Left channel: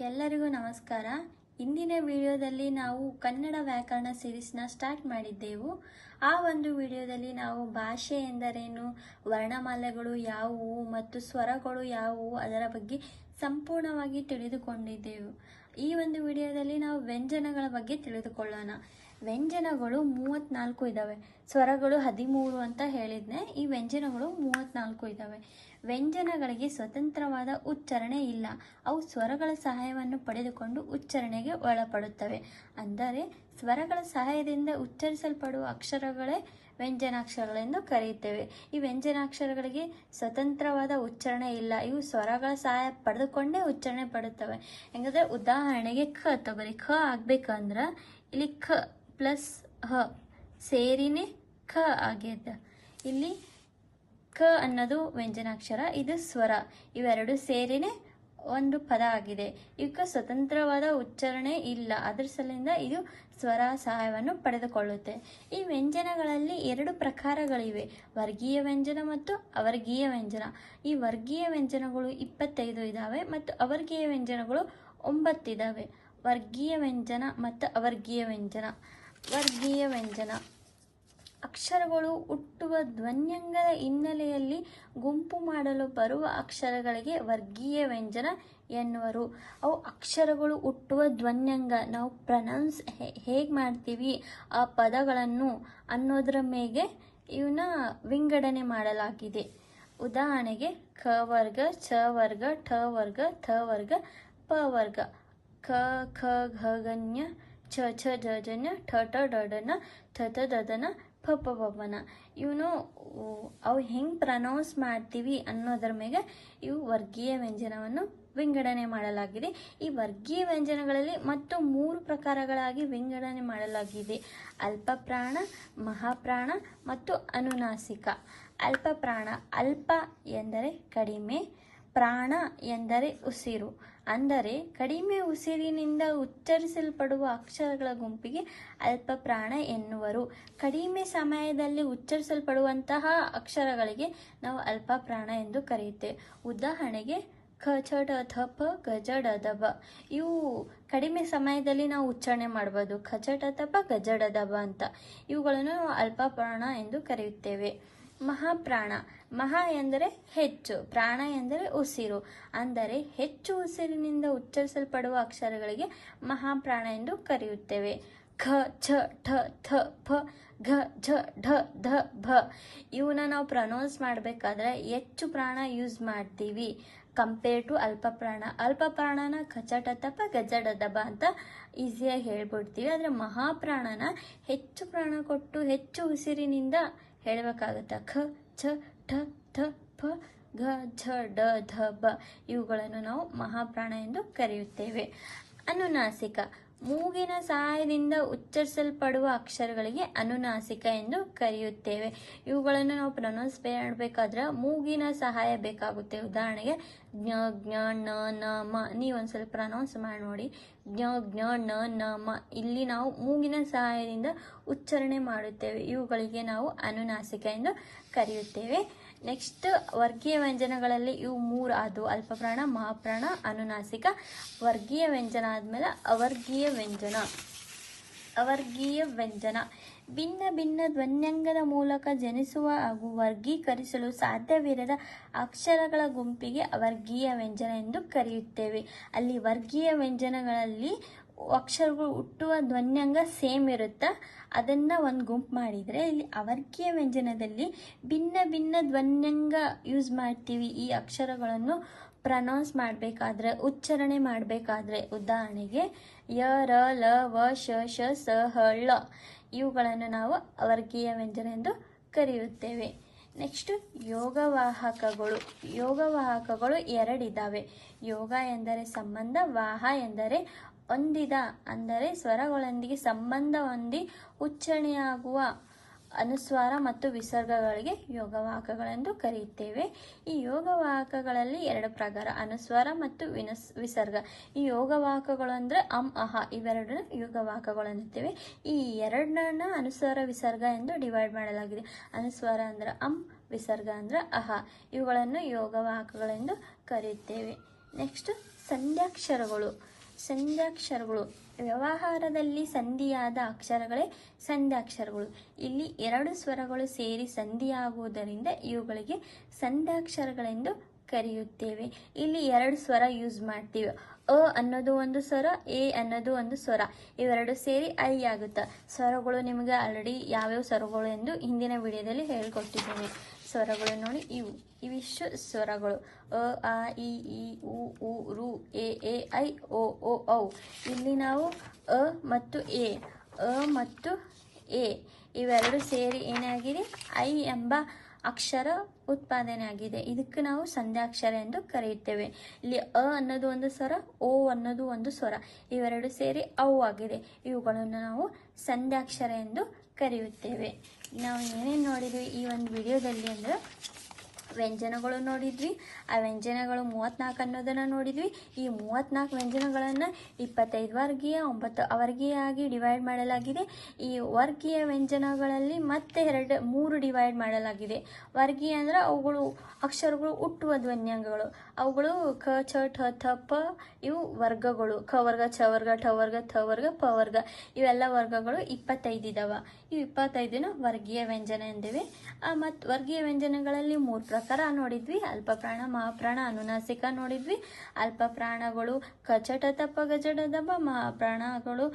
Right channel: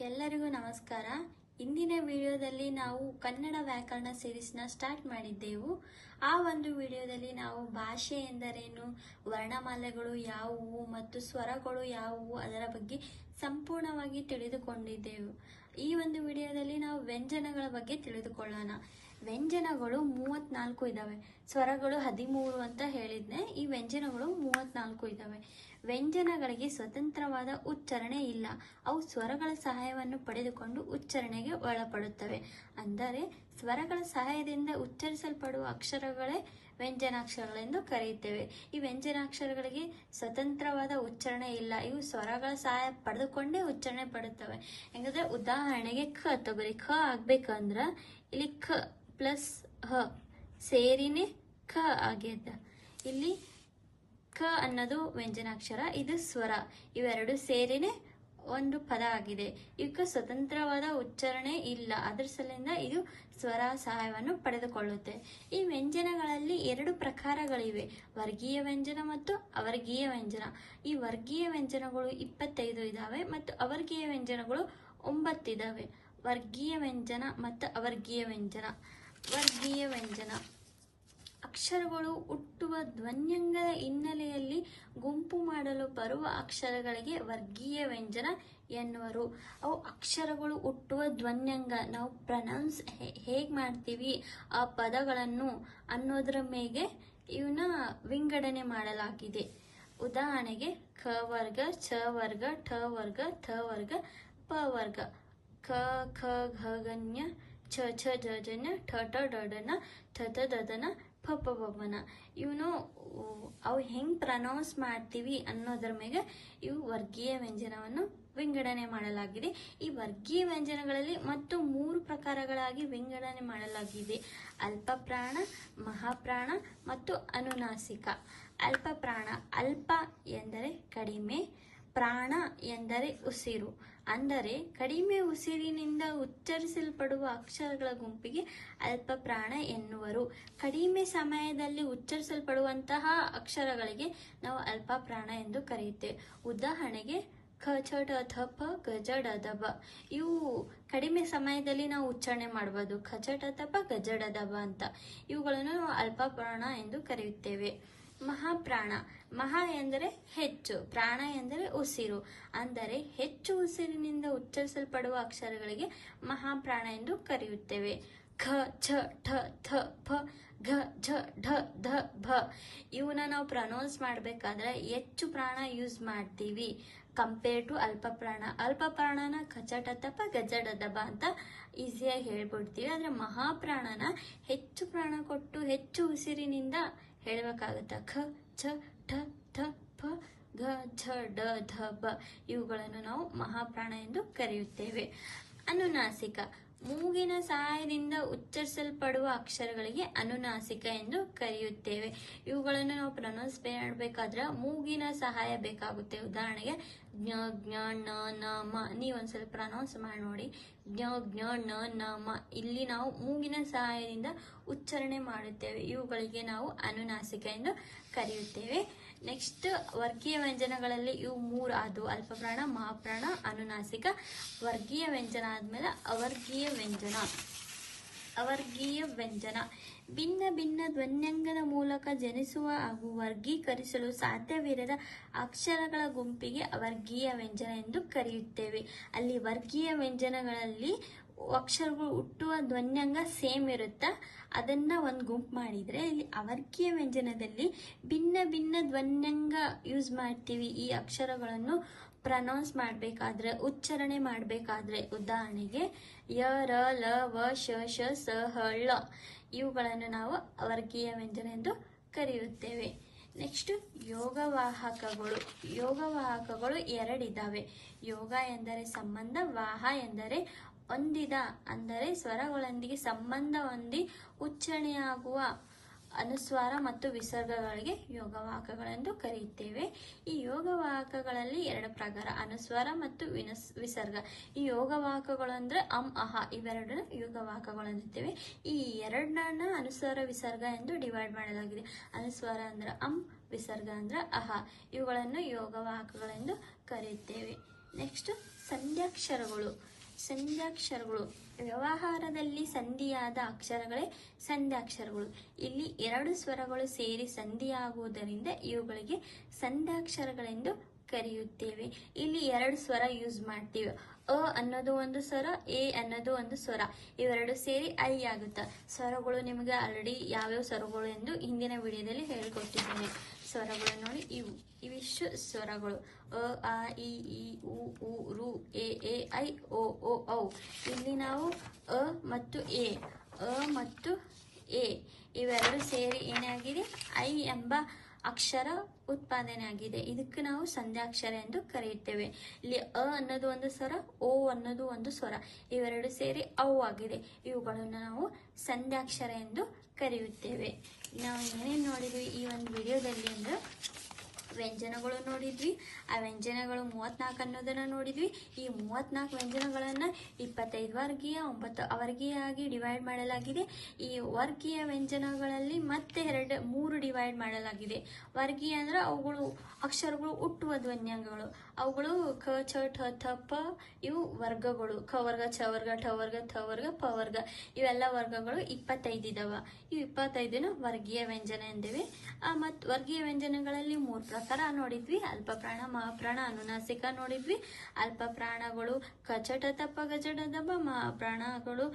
ಎಲ್ಲರಿಗೂ ನಮಸ್ಕಾರ. ಇಂದಿನ ವಿಡಿಯೋದಲ್ಲಿ ನಾವು ಕನ್ನಡ ವ್ಯಾಕರಣ ಸಿರೀಸ್ನ ಸ್ಟಾರ್ಟ್ ಮಾಡಿದ್ದೆವು. ಆ ಒಂದು ವಿಡಿಯೋದಲ್ಲಿ ನಾವು ಭಾಷೆ ಎಂದರೇನು, ವರ್ಣಮಾಲೆಗಳು ಯಾವುವು ಮತ್ತು ಸ್ವರಗಳು ಯಾವುವು ಅದರ ಬಗ್ಗೆ ಸಂಪೂರ್ಣವಾಗಿ ತಿಳಿದುಕೊಂಡಿದ್ದೆವು. ಈ ಒಂದು ವಿಡಿಯೋದಲ್ಲಿ ನಾವು ವ್ಯಂಜನಗಳ ಬಗ್ಗೆ ತಿಳಿದುಕೊಳ್ಳೋಣ. ವ್ಯಂಜನಗಳು ಮೂವತ್ನಾಲ್ಕು ಇದ್ದಾವೆ ಸ್ವರಗಳು ಹದಿಮೂರು ಅಂತ ಹೇಳಿದ್ನೆ. ಈ ವ್ಯಂಜನಗಳು ಮೂವತ್ನಾಲ್ಕು ಇದ್ದಾವೆ ವ್ಯಂಜನಗಳಿಗೆ ಸ್ವತಂತ್ರವಾದ ಉಚ್ಚಾರಣೆ ಇಲ್ಲ. ಅವು ಸ್ವರಗಳ ಸಹಾಯವನ್ನು ಪಡೆದುಕೊಂಡು ಉಚ್ಚಾರಣೆಗೆ ಒಳಪಡುತ್ತವೆ. ಅಂದರೆ, ಸ್ವರಗಳ ಸಹಾಯದಿಂದ ಉಚ್ಚರಿಸಲ್ಪಡುವ ಅಕ್ಷರಗಳೇ ವ್ಯಂಜನಾಕ್ಷರಗಳೆಂದು ಕರೆಯುತ್ತೇವೆ. ಈ ವ್ಯಂಜನಾಕ್ಷರಗಳಿಗೆ ಸ್ವತಂತ್ರವಾದ ಉಚ್ಚಾರಣೆ ಇಲ್ಲ. ಇವು ಸ್ವರಗಳ ಸಹಾಯ ಪಡೆದುಕೊಂಡೇ ಉಚ್ಚಾರಣೆ ಪಡುತ್ತವೆ. ಹೆಂಗಂದ್ರೆ, ಉದಾಹರಣೆಗೆ ಖ, ತೊಗರಿ ಖ ಆಗ್ಬೇಕಂದ್ರ ಇಲ್ಲಿ ಖ ಪ್ಲಸ್ ಹ ಸೇರಿನೇ ಖ ಆಗ್ಯದ. ಇಲ್ಲಿ ಕ ಅನ್ನೋದು ವ್ಯಂಜನಾಕ್ಷರ, ಇದು ಸ್ವರ. ಇವೆರಡು ಸೇರಿನೇ ಒಂದು ಪದ ಆಗಿದೆ. ಇವಕ್ಕೆ ಸ್ವತಂತ್ರವಾದ ಉಚ್ಚಾರಣೆ ಇಲ್ಲ. ಅದರ ಸಲಿಂದ ಇದು ಸ್ವರ ಸಹಾಯವನ್ನು ಪಡೆದುಕೊಳ್ಳುತ್ತೆ. ಈ ವ್ಯಂಜನಗಳಲ್ಲಿ ಎರಡು ಪ್ರಕಾರಗಳಿವೆ. ವರ್ಗೀಯ ವ್ಯಂಜನ ಮತ್ತು ಅವರ್ಗೀಯ ವ್ಯಂಜನ. ಈ ವರ್ಗೀಯ ವ್ಯಂಜನಗಳು ಇಪ್ಪತ್ತೈದು ಇದ್ದಾವೆ ಮತ್ತು ಅವರ್ಗೀಯ ವ್ಯಂಜನಗಳು ಒಂಬತ್ತಿದ್ದಾವೆ ವರ್ಗೀಯ ವ್ಯಂಜನ ಮತ್ತು ಅವರ್ಗೀಯ ವ್ಯಂಜನ. ವರ್ಗೀಯ ವ್ಯಂಜನ. ಅಕ್ಷರಗಳು ಹುಟ್ಟುವ ಧ್ವನ್ಯಂಗದ ಹಿನ್ನೆಲೆಯಲ್ಲಿ ಗುಂಪು ಮಾಡಲು ಬರುವ ಅಕ್ಷರಗಳಿಗೆ ವರ್ಗೀಯ ವ್ಯಂಜನ ಎನ್ನುವರು. ಅವು ಅಕ್ಷರಗಳು ಹುಟ್ಟುವ ಧ್ವನ್ಯಂಗ. ನಾವು ಪ್ರನೌನ್ಸ್ ಹೇಗೆ ಮಾಡ್ತೀವಿ ಆ ಪದಗಳನ್ನು ಅನ್ನೋದರ ಮೇಲೆ ಇವನ್ನ ವಿಂಗಡಣೆ ಮಾಡಲಾಗಿದೆ. ಉದಾಹರಣೆಗೆ ಖ ವರ್ಗ ಛ ವರ್ಗ, ಠ ವರ್ಗ, ಥ ವರ್ಗ, ಪ ವರ್ಗ. ಕ ಖ ಘ ಗಣ್ಯ ಛ ಛ, ಝ ಠ ಠ ಡಡನ ಥ ಥ ದದನ ಪ ಇವನು ಅವು ಹೆಂಗೆ ಪ್ರನೌನ್ಸ್ ಮಾಡ್ತೀವಿ ಅನ್ನೋದ್ರ ಮೇಲೆ ಇವು ವರ್ಗೀಯ ವ್ಯಂಜನವನ್ನು ವಿಂಗಡಣೆ ಮಾಡಲಾಗಿದೆ. ಈ ವರ್ಗೀಯ ವ್ಯಂಜನಗಳಲ್ಲಿ ಮತ್ತು ಮೂರು ಪ್ರಕಾರಗಳಾಗಿ ವಿಂಗಡಣೆ ಮಾಡಲಾಗಿದೆ. ಅಲ್ಪಪ್ರಾಣ, ಮಹಾಪ್ರಾಣ ಮತ್ತು ಅನುನಾಸಿಕ. ಅಲ್ಪಪ್ರಾಣ, ಅಲ್ಪ ಎಂದರೆ ಕಡಿಮೆ, ಪ್ರಾಣ ಎಂದರೆ ಉಸಿರು. ಅಂದರೆ ಕಡಿಮೆ ಉಸಿರಿನಿಂದ ಉಚ್ಚರಿಸಲ್ಪಡುವ ಅಕ್ಷರಗಳ ಗುಂಪಿಗೆ ಅಲ್ಪ ಪ್ರಾಣ ಎನ್ನುವರು. ಕಡಿಮೆ ಸಮಯದಲ್ಲಿ ಉಚ್ಚರಿಸಲ್ಪಡುವಂತಹ ಅಕ್ಷರಗಳಿಗೆ ನಾವು ಅಲ್ಪ ಪ್ರಾಣ ಎಂದು ಕರೆಯುತ್ತೇವೆ. ಉದಾಹರಣೆಗೆ ಖ ಛ ಡ ಥ ಪ ಇವು ಕಡಿಮೆ ಸಮಯದಲ್ಲಿ ನಾವು ಉಚ್ಚಾರಣೆ ಮಾಡ್ಬೋದು. ಖ ತಪ ಡ ದಬ ಬ ಅಂತ. ಇವುಗಳನ್ನು ನಾವು ಅಲ್ಪ ಪ್ರಾಣ ಎಂದು ಕರೆಯುತ್ತೇವೆ. ಮಹಾಪ್ರಾಣ. ಮಹಾ ಎಂದರೆ ಹೆಚ್ಚು, ಪ್ರಾಣ ಎಂದರೆ ಉಸಿರು. ಅಂದರೆ ಹೆಚ್ಚು ಉಸಿರಿನಿಂದ ಉಚ್ಚರಿಸಲ್ಪಡುವ ಅಕ್ಷರಗಳಿಗೆ ಮಹಾಪ್ರಾಣ ಎಂದು ಕರೆಯುತ್ತೇವೆ. ಖ, ಛ, ಠ, ಥ ಫ ಘ, ಝ, ಢ, ಧ, ಭ. ಇವನ್ನ ನಾವು ಪ್ರನೌನ್ಸ್ ಮಾಡಬೇಕಾದ್ರೆ ಹೆಚ್ಚು ಪ್ರಾಣ ಯೂಸ್ ಮಾಡ್ತೀವಿ. ಕಂಪೇರ್ ಟು ಅಲ್ಪ ಪ್ರಾಣ ಅಲ್ಪ ಪ್ರಾಣನ ಖಚಟತಪ, ಗಜಡದಬ ಅಂತ ಈಸಿಯಾಗಿ ಹೇಳ್ಬಿಡ್ತೀವಿ. ಆದರೆ ಮಹಾಪ್ರಾಣನ ಹೆಚ್ಚು ಪ್ರಾಣ ಕೊಟ್ಟು ಹೆಚ್ಚು ಉಸಿರಿನಿಂದ ಹೇಳಬೇಕಾಗುತ್ತೆ. ಖ, ಛ ಠ ಥ ಪ, ಘ, ಝ ಡ ಧ, ಬ ಇವುಗಳನ್ನು ನಾವು ಮಹಾಪ್ರಾಣ ಎಂದು ಕರೆಯುತ್ತೇವೆ. ಅನುನಾಸಿಕ. ಮೂಗಿನ ಸಹಾಯದಿಂದ ಉಚ್ಚರಿಸಲ್ಪಡುವ ಅಕ್ಷರಗಳಿಗೆ ಅನುನಾಸಿಕ ಎಂದು ಕರೆಯುತ್ತೇವೆ. ಇವುಗಳನ್ನು ನಾವು ಪ್ರೊನೌನ್ಸ್ ಮಾಡಬೇಕಾದ್ರೆ ಮೂಗಿನ ಸಹಾಯ ಬೇಕಾಗುತ್ತೆ. ಉದಾಹರಣೆಗೆ ಜ್ಞ ಜ್ಞ ನ ನ, ಮ. ಪ್ರೊನೌನ್ಸ್ ಮಾಡಿ. ನೋಡಿ ಜ್ಞ ಜ್ಞ ಣ ನ, ಮ. ಇಲ್ಲಿ ನಾವು ಮೂಗಿನ ಸಹಾಯದಿಂದ ಉಚ್ಚಾರಣೆ ಮಾಡುತ್ತೇವೆ. ಇವುಗಳಿಗೆ ನಾವು ಅನುನಾಸಿಕ ಎಂದು ಕರೆಯುತ್ತೇವೆ. ನೆಕ್ಸ್ಟ್ ವರ್ಗೀಯ ವ್ಯಂಜನಗಳಲ್ಲಿ ಇವು ಮೂರು ಆದವು. ಅಲ್ಪಪ್ರಾಣ, ಮಹಾಪ್ರಾಣ, ಅನುನಾಸಿಕ. ವರ್ಗೀಯ ವ್ಯಂಜನ ಆದಮೇಲೆ ಅವರ್ಗೀಯ ವ್ಯಂಜನ. ಅವರ್ಗೀಯ ವ್ಯಂಜನ. ಭಿನ್ನ ಭಿನ್ನ ಧ್ವನ್ಯಂಗದ ಮೂಲಕ ಜನಿಸುವ ಹಾಗೂ ವರ್ಗೀಕರಿಸಲು ಸಾಧ್ಯವಿರದ ಅಕ್ಷರಗಳ ಗುಂಪಿಗೆ ವರ್ಗೀಯ ವ್ಯಂಜನ ಎಂದು ಕರೆಯುತ್ತೇವೆ. ಅಲ್ಲಿ ವರ್ಗೀಯ ವ್ಯಂಜನಗಳಲ್ಲಿ ಅಕ್ಷರಗಳು ಹುಟ್ಟುವ ಧ್ವನ್ಯಂಗ ಸೇಮ್ ಇರುತ್ತಾ? ಅದನ್ನ ಒಂದು ಗುಂಪು ಮಾಡಿದರೆ ಇಲ್ಲಿ ಅವರ್ಗೀಯ ವ್ಯಂಜನದಲ್ಲಿ ಭಿನ್ನ ಭಿನ್ನ ಧ್ವನ್ಯಂಗ ಯೂಸ್ ಮಾಡ್ತೀವಿ. ಈ ಅಕ್ಷರಗಳನ್ನು ಪ್ರನೌನ್ಸ್ ಮಾಡಬೇಕಾದ್ರೆ, ಉಚ್ಚಾರಣೆ ಮಾಡಬೇಕಾದ್ರೆ, ಉದಾಹರಣೆಗೆ ಯ, ರ, ಲ, ವ, ಶ ಶ, ಸ, ಹ, ಳ. ಇವುಗಳನ್ನು ನಾವು ವರ್ಗೀಯ ವ್ಯಂಜನ ಎಂದು ಕರೆಯುತ್ತೇವೆ. ನೆಕ್ಸ್ಟ್ ಯೋಗವಾಹಕಗಳು. ಯೋಗವಾಹಕಗಳು ಎರಡಿದ್ದಾವೆ ಯೋಗ ಎಂದರೆ ಸಂಬಂಧ, ವಾಹ ಎಂದರೆ ಹೊಂದಿದ, ಅಂದರೆ ಸ್ವರಗಳೊಂದಿಗೆ ಸಂಬಂಧ ಹೊಂದಿ, ಉಚ್ಚಾರಣೆಯಾಗುವ. ಅನುಸ್ವಾರ ಮತ್ತು ವಿಸರ್ಗಗಳಿಗೆ ಯೋಗವಾಹಕಗಳೆಂದು ಕರೆಯುತ್ತೇವೆ. ಈ ಯೋಗವಾಹಕಗಳಲ್ಲಿ ಎರಡು ಪ್ರಕಾರ, ಅನುಸ್ವಾರ ಮತ್ತು ವಿನಸ್, ವಿಸರ್ಗ. ಈ ಯೋಗವಾಹಕಗಳು ಅಂದರೆ ಅಂ, ಅಹ ಇವೆರಡನ್ನ ಯೋಗವಾಹಕಗಳು ಈ ಎರಡನ್ನ ಅನುಸ್ವಾರ, ವಿಸರ್ಗ ಎಂದು ಡಿವೈಡ್ ಮಾಡಲಾಗಿದೆ. ಅನುಸ್ವಾರ ಅಂದ್ರೆ ಅಂ, ವಿಸರ್ಗ ಅಂದರೆ ಅಹ. ಇವುಗಳನ್ನು ಯೋಗವಾಹಕಗಳೆಂದು ಕರೆಯುತ್ತೇವೆ. ನೆಕ್ಸ್ಟ್ ಸಂಧ್ಯಾಕ್ಷರಗಳು. ಸಂಧ್ಯಾಕ್ಷರಗಳು. ವ್ಯವಹಾರದಲ್ಲಿ ಸಂಧಿಯಾದ ಅಕ್ಷರಗಳೇ ಸಂಧ್ಯಾಕ್ಷರಗಳು. ಇಲ್ಲಿ ಎರಡು ಸ್ವರಗಳು ಸೇರಿ ಸಂಧಿಯಾಗುವುದರಿಂದ ಇವುಗಳಿಗೆ ಸಂಧ್ಯಾಕ್ಷರಗಳೆಂದು ಕರೆಯುತ್ತೇವೆ. ಇಲ್ಲಿ ಎರಡು ಸ್ವರ ಯೂಸ್ ಮಾಡ್ತೀವಿ. ಅ ಅನ್ನೋದು ಒಂದು ಸ್ವರ, ಎ ಅನ್ನೋದು ಒಂದು ಸ್ವರ. ಇವೆರಡು ಸೇರಿ ಐ ಆಗುತ್ತೆ? ಸ್ವರಗಳು ನಿಮಗೆ ಆಲ್ರೆಡಿ ಯಾವ್ಯಾವ ಸ್ವರಗಳು ಎಂದು ಹಿಂದಿನ ವಿಡಿಯೋದಲ್ಲಿ ಹೇಳಿಕೊಟ್ಟಿದ್ದೀನಿ. ಸ್ವರಗಳು ನೋಡಿ, ಇವು. ಇವಿಷ್ಟು ಸ್ವರಗಳು. ಅ, ಆ, ಇ ಇ, ಉ ಉ, ರು, ಎ ಎ, ಐ, ಓ ಓ, ಔ. ಇಲ್ಲಿ ನಾವು ಅ ಮತ್ತು ಎ. ಅ ಮತ್ತು ಎ. ಇವೆರಡು ಸೇರಿ ಏನಾಗಿದೆ? ಐ ಎಂಬ ಅಕ್ಷರ ಉತ್ಪಾದನೆ ಆಗಿದೆ ಇದಕ್ಕೆ ನಾವು ಸಂಧ್ಯಾಕ್ಷರ ಎಂದು ಕರೆಯುತ್ತೇವೆ. ಇಲ್ಲಿ ಅ ಅನ್ನೋದು ಒಂದು ಸ್ವರ, ಓ ಅನ್ನೋದು ಒಂದು ಸ್ವರ. ಇವೆರಡು ಸೇರಿ ಅವು ಆಗಿದೆ. ಇವುಗಳನ್ನು ನಾವು ಸಂಧ್ಯಾಕ್ಷರ ಎಂದು ಕರೆಯುತ್ತೇವೆ. ನಾವು ಏನೇನು ನೋಡಿದ್ವಿ ಈ ಒಂದು ವಿಡಿಯೋದಲ್ಲಿ ಅಂದ್ರೆ ವ್ಯಂಜನಗಳು ನೋಡಿದ್ವಿ. ಆ ವ್ಯಂಜನಗಳು ಮೂವತ್ತ್ನಾಲ್ಕು ಅನ್ನೋದನ್ನು ನೋಡಿದ್ವಿ. ಈ ಮೂವತ್ನಾಲ್ಕು ವ್ಯಂಜನಗಳನ್ನು ಇಪ್ಪತ್ತೈದು ವರ್ಗೀಯ, ಒಂಬತ್ತು ಅವರ್ಗೀಯ ಆಗಿ ಡಿವೈಡ್ ಮಾಡಲಾಗಿದೆ. ಈ ವರ್ಗೀಯ ವ್ಯಂಜನಗಳಲ್ಲಿ ಮತ್ತೆ ಎರಡು, ಮೂರು ಡಿವೈಡ್ ಮಾಡಲಾಗಿದೆ. ವರ್ಗೀಯ ಅಂದ್ರೆ ಅವುಗಳು ಅಕ್ಷರಗಳು ಹುಟ್ಟುವ ಧ್ವನ್ಯಗಳು ಅವುಗಳು ಕ ಛ ಠ, ಥ, ಪ, ಇವು ವರ್ಗಗಳು. ಕ ವರ್ಗ ಛ ವರ್ಗ, ಠ ವರ್ಗ, ಥ ವರ್ಗ, ಪ ವರ್ಗ. ಇವೆಲ್ಲ ವರ್ಗಗಳು ಇಪ್ಪತ್ತೈದು ಇದಾವ. ಇವು ಇಪ್ಪತ್ತೈದನ ವರ್ಗೀಯ ವ್ಯಂಜನ ಎಂದಿವೆ. ಮತ್ತು ವರ್ಗೀಯ ವ್ಯಂಜನಗಳಲ್ಲಿ ಮೂರು ಪ್ರಕಾರ ನೋಡಿದ್ವಿ. ಅಲ್ಪ ಪ್ರಾಣ ಮಹಾಪ್ರಾಣ, ಅನುನಾಸಿಕ ನೋಡಿದ್ವಿ. ಅಲ್ಪ ಪ್ರಾಣಗಳು ಗಜ ಢ ದ ದಬ ಮಹಾಪ್ರಾಣಗಳು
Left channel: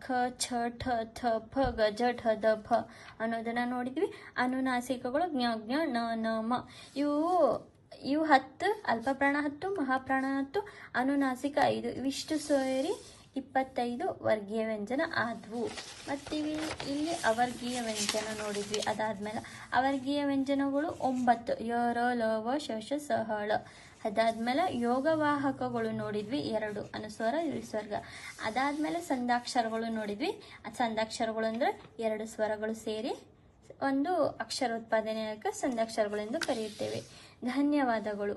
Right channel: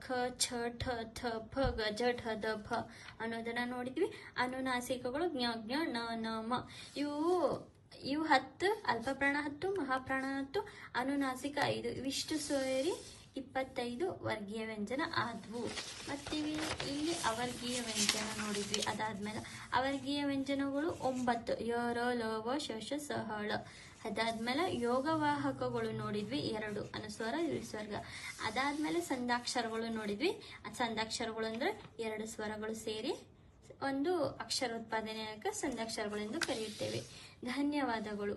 ಖ, ಛ, ಠ, ಥ ಫ ಗಜ ಠ, ದ ಫ ಅನ್ನೋದನ್ನ ನೋಡಿದ್ವಿ. ಅನುನಾಸಿಕಗಳು ಜ್ಞ ಜ್ಞ ನ ನ, ಮ. ಇವು ಇವು ಹತ್ತು, ಅಲ್ಪಪ್ರಾಣ ಹತ್ತು, ಮಹಾಪ್ರಾಣ ಹತ್ತು, ಅನುನಾಸಿಕ ಐದು, ಇವಿಷ್ಟು ಸೇರಿ ಇಪ್ಪತ್ತೈದು ವರ್ಗೀಯ ವ್ಯಂಜನ ಆದವು. ಮತ್ತು ಇಲ್ಲಿ ಅವರ್ಗೀಯ ವ್ಯಂಜನ ನೋಡಿದ್ವಿ. ಅದಾದ್ಮೇಲೆ ಅವರ್ಗೀಯ ವ್ಯಂಜನಗಳು ಒಂಬತ್ತು, ಯೋರೋ, ಲೋವ ಶೋಷ ಸಹಳ. ಅದಾದಮೇಲೆ ಯೋಗವಾಹಕಗಳು ನೋಡಿದ್ವಿ ಎರಡು, ಅನುಸ್ವರ ಸ್ವರ್ಗ ಅದಾದ್ಮೇಲೆ ಸಂದಾಕ್ಷರಗಳು ನೋಡಿದ್ವಿ. ಆ ಸಂದಾಕ್ಷರಗಳು ಅಂದ್ರೆ ಎರಡು ಸ್ವರಗಳು ಸೇರಿ ಒಂದು ಅಕ್ಷರ ಉತ್ಪಾದನೆಯಾಗ ಸಂದಾಕ್ಷರಗಳೆಂದು ಕರೆಯುತ್ತೇವೆ. ಧನ್ಯವಾದಗಳು